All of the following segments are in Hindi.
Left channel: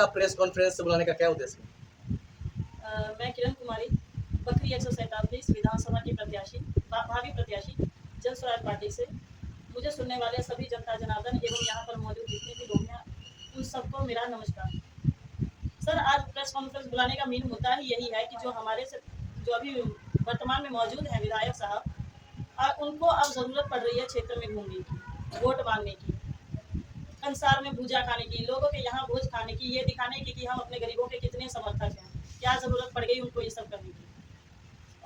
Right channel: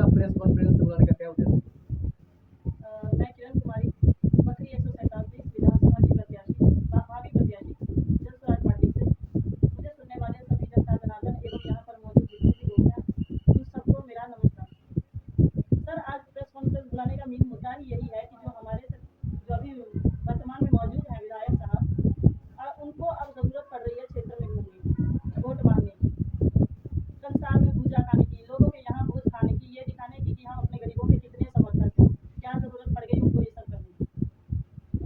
का प्रेस कॉन्फ्रेंस बुलाने का क्या उद्देश्य? मैं किरण कुमारी बखरी 147 विधानसभा की प्रत्याशी भावी प्रत्याशी जन स्वराज पार्टी से। मुझे सुनने वाले सभी जनता जनार्दन एवं यहाँ पर मौजूद जितनी भी लोग हैं उन सबको मेरा नमस्कार। सर, आज प्रेस कॉन्फ्रेंस बुलाने का मेन मुद्दा ही यही है कि जो अभी वर्तमान में मौजूद हैं विधायक साहब, उनको अब ज़रूरत पड़ रही है क्षेत्र में घूमने की, वोट मांगने की, कंसार में भूजा खाने की, लोगों के यहाँ भोज खाने की, ये दिखाने की कि हम अपने गरीबों के कितने समर्थक हैं। क्या ज़रूरत पड़ गई उनको ये सब करने की।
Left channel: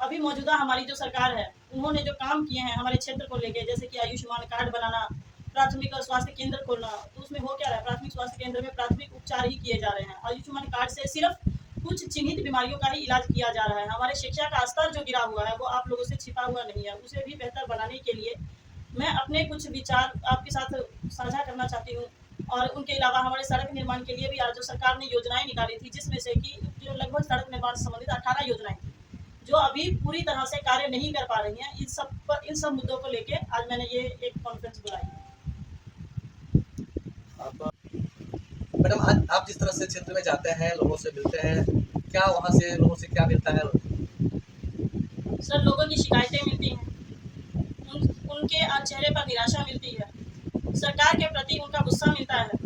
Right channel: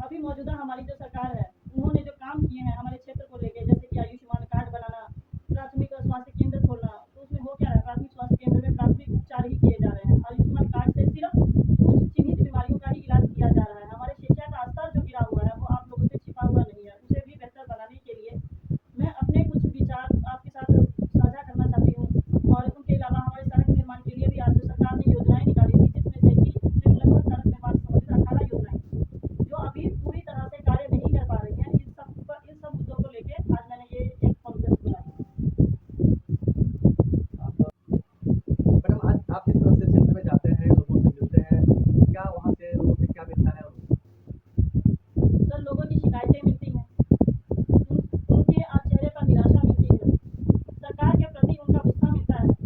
अभी मौजूदा हमारी जो सरकार है, उन्होंने जो काम किए हैं हमारे क्षेत्र को लेके, जैसे कि आयुष्मान कार्ड बनाना, प्राथमिक स्वास्थ्य केंद्र खोलना, तो उसमें हो क्या रहा है, प्राथमिक स्वास्थ्य केंद्र में प्राथमिक उपचार ही किए जा रहे हैं। आयुष्मान कार्ड से सिर्फ कुछ चिन्हित बीमारियों का ही इलाज किया जा रहा है। हमारे शिक्षा का स्तर जो गिरा हुआ है वो आप लोगों से छिपा हुआ नहीं है। उसे भी बेहतर बनाने के लिए मैं अपने कुछ विचार आपके साथ साझा करना चाहती हूँ। और उनके अलावा हमारे सड़क निर्माण के लिए भी आज जो सरकार ने योजनाएं निकाली थी, जिसमें से कि जो लगभग सड़क निर्माण से संबंधित 18 योजनाएं थी जो अभी पूरी तरह से कार्य नहीं कर पा रही हैं, इन सब मुद्दों को लेके आज मैंने ये एक कॉन्फ्रेंस बुलाई है। मैडम, आज आप जिस तरह से क्षेत्र में जाते हैं, लोगों से मिलते हैं, क्या वहाँ से लोगों से क्या मिलता है? सर, लोगों की शिकायतें मिलती हैं, उनके चेहरे पर निराशा मिलती है, सरकार के प्रति उनका गुस्सा मिलता है।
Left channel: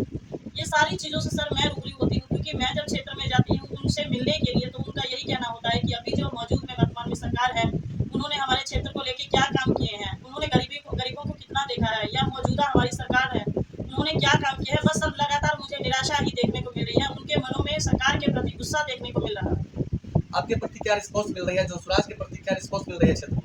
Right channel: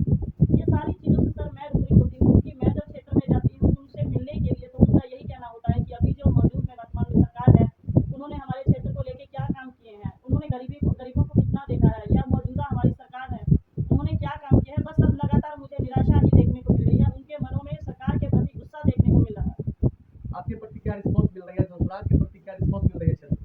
ये सारी चीज़ों से सर मैं रूबरू होती हूँ, क्योंकि मैं जब क्षेत्र में जाती हूँ उनसे मिलने के लिए, तो उनका यही कहना होता है कि अभी जो मौजूद में वर्तमान में सरकार है, उन्होंने हमारे क्षेत्र को लेके क्या काम किए हैं, उन्होंने गरीबों को कितना देखा है, या मौजूदा हमारी सरकार है उन्होंने क्या काम किया है। बस अब लगातार मुझे निराशा ही देखने को मिल रही है, उनके मनों में सरकार के प्रति गुस्सा देखने को मिल रहा है। आपके प्रति क्या रिस्पॉन्स मिल रही है? जन स्वराज के प्रति क्या रिस्पॉन्स मिल रही है क्षेत्र?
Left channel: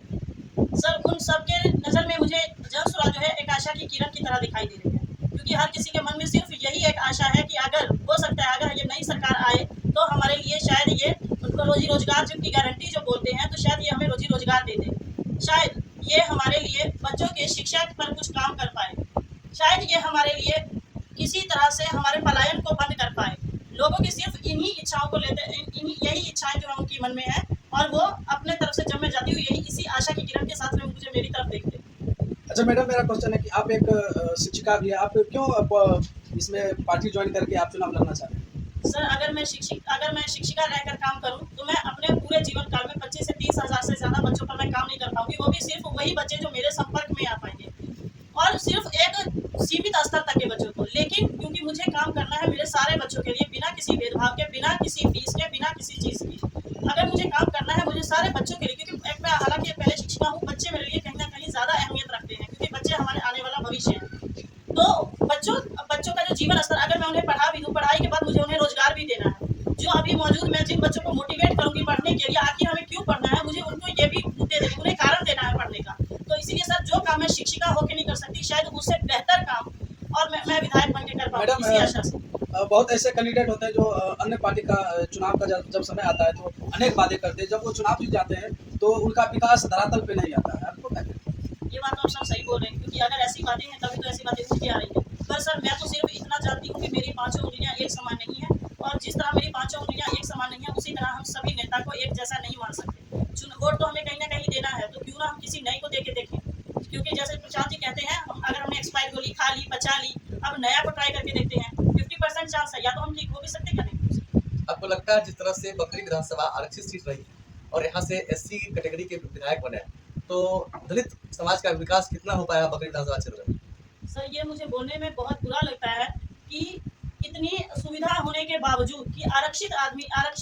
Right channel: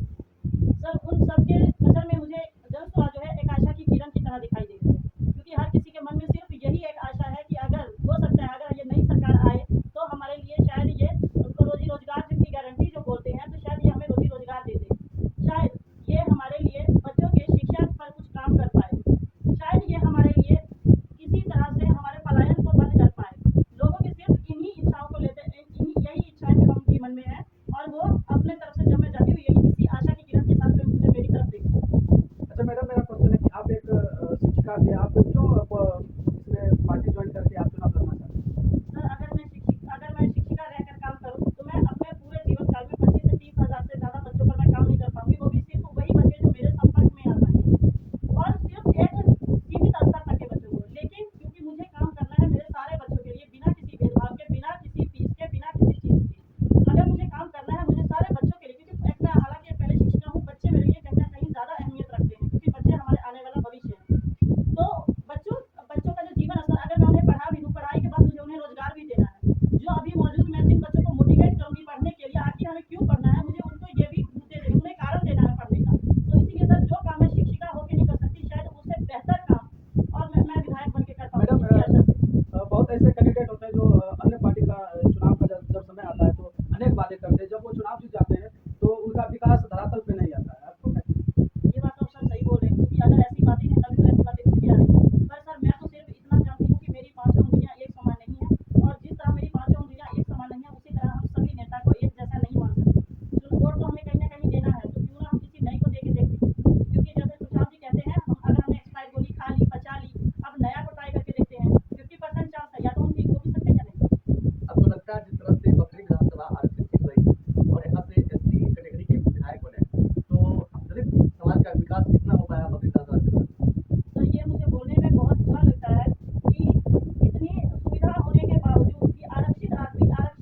सर, उन सबके नज़र में मुझे जन स्वराज जो है एक आशा की किरण की तरह दिखाई दे रही है, क्योंकि हर किसी के मन में सिर्फ यही एक आशा है कि अगर हो सकता है अगर ये नई सरकार आए तो हमारे लिए शायद ये उनको रोजी रोजगार की गारंटी जो बोलते हैं, तो शायद ये हमें रोजी रोजगार दे दे, शायद ये हमारे लिए बच्चों के शिक्षा पर कुछ काम कर पाए, शायद ये हमारे लिए किसी तरह से हमारे पलायन को बंद कर पाए। लोगों की सिर्फ इन्हीं इच्छाओं को लेते, यही इच्छाएं जो उनके मन में है, और वो अपने तरफ से जब मैं जाती हूँ यही इसी आशा की किरण के साथ में मुझे मेरी तरफ देखते हैं। अच्छा मैडम, मेरा क्वेश्चन है कि आप एक शिक्षिका भी हैं, आप क्यों इसमें पार्टी ज्वाइन करके आप चुनाव लड़ना चाहते हैं? सर, अगर मैं शिक्षिका रहकर काम करूं तो मैं अपने पूरे जीवन काल में 25 से 30 हज़ार से ज़्यादा बच्चों पर मैं काम नहीं कर पाऊंगी, वो भी सिर्फ वही बच्चे जो मेरे संपर्क में आ पाएंगे, और सिर्फ एक सीमित स्तर तक के बच्चों को। लेकिन क्योंकि मुझे काम करना है मेरे सारे बच्चों के लिए, बिना किसी भेदभाव के, बिना किसी फीस के, बिना किसी चीज़ की, अगर मुझे काम करना है मुझे सारे बच्चों के लिए, क्योंकि मैं हालांकि पहले शिक्षिका हूँ, बच्चे मेरे लिए कहीं ना कहीं ज़्यादा अहमियत रखते हैं, क्योंकि बच्चे हमारे आने वाला भविष्य है। तो बच्चों का जो जीवन स्तर, अगर मैं उन्हें पढ़ा भी दूँ, पढ़ाई के बाद मुझे उन्हें रोजगार भी देना है। जो अभी मौजूद मैं जिन बच्चों को मोटिवेट करूंगी पढ़ने के लिए, आखिर हमें क्यों पढ़ना है, मुझे उनको ये भी मुद्दे देने, उन्हें कारण देना है पढ़ने का। तो इसीलिए सर, जो काम मैं शिक्षिका होकर नहीं कर सकती, शायद उससे बेहतर काम और मैं विधायक बन के कर पाऊंगी, इसी आशा से। बहुत ऐसे कैंडिडेट होते हैं जो अन्य पार्टी का चुनाव का जब समय आता है तो अनेक वादे करते हैं, जब वो चुनाव जीत जाते हैं तो उनका विकास धरातल पे नहीं आता है। आपको क्या लगता है? ये बात तो आप सब सही बोल रहे हैं, क्योंकि अगर ऐसी बातें हैं तभी तो ऐसी बातें उठती आ रही हैं। पर सर, मैं तो सिर्फ इतना जानती हूँ कि मेरी पांचों उंगलियां एक समान नहीं है, और जिस तरह मेरी पांचों उंगलियां एक समान नहीं है, उसी तरह हम सभी नेता को एक जैसा नहीं मान सकते। वोट तो हमें कहीं ना कहीं देना है, तो क्यों ना हम किसी नए को दे के देखें, क्योंकि जैसे प्रसाद जी कहते हैं, अगर हमने एक्सपायर गोली खा ली, बचा ली, अब नया को ट्राई करके देखते हैं, 50% चांस है, या तो हम ठीक हो भी सकते हैं या नहीं हो सकते। आपको लगता है जिस तरह से बकरी विधानसभा आरक्षित सीट रही है और यहाँ से एससी कैटेगरी के विधायक बने, तो दलित समाज का विकास कितना हो पाया बकरी विधानसभा क्षेत्र में? सर, ये मुझे बोलने में बहुत बुरा लगता है कि इतनी सुविधा होने के बावजूद कि आरक्षित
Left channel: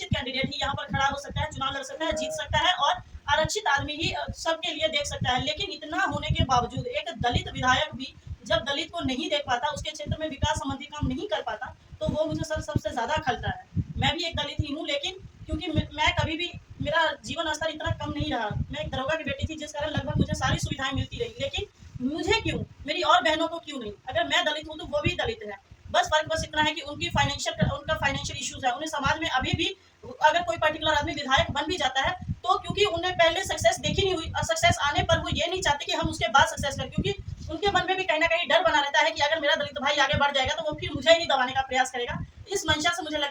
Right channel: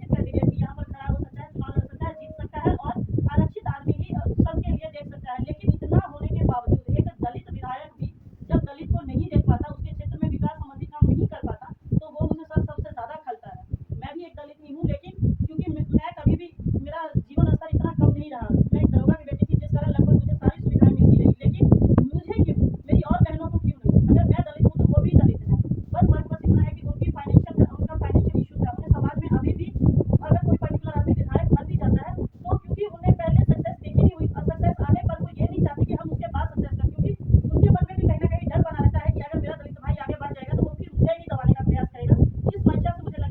कैंडिडेट ही यहाँ पर खड़ा हो सकता है, चुनाव लड़ सकता है, जीत सकता है, और आरक्षित आदमी ही सबके लिए देख सकता है, लेकिन इतना होने के बावजूद एक दलित विधायक भी जब दलित को नहीं देख पाता, उसके क्षेत्र में विकास संबंधी काम नहीं कर पाता, तो वो मुझे सर सबसे ज्यादा खलता है। मैं भी एक दलित ही हूँ, लेकिन क्योंकि मैं कभी भी, मेरा जीवन स्तर इतना कम नहीं रहा, मैं एक दरोगा की बेटी थी, जिस कारण लगभग मुझे सारी सुविधाएं मिलती रही, लेकिन मुझे क्यों, मेरी और बहनों को क्यों नहीं? अगर मैं दलित हूँ तो वो भी दलित है, बस इतना है कि उनका फाइनेंशियल इश्यूज है, उन्हें समाज में अभी भी, अगर कोई पर्टिकुलर आदमी विधायक बन भी जाता है तो क्योंकि उन्हें पहले सक्सेस देखी नहीं हुई, और सक्सेस आने पर वो ये नहीं चाहते कि हम उसके बाद सक्सेस करें, क्योंकि उनके मन में भी कहीं ना कहीं डर बना रहता है कि अगर मेरा दलित भाई आगे बढ़ जाएगा तो वो फिर मुझे ही दबाने का प्रयास करेगा। इस मंशा से मुझे लगता है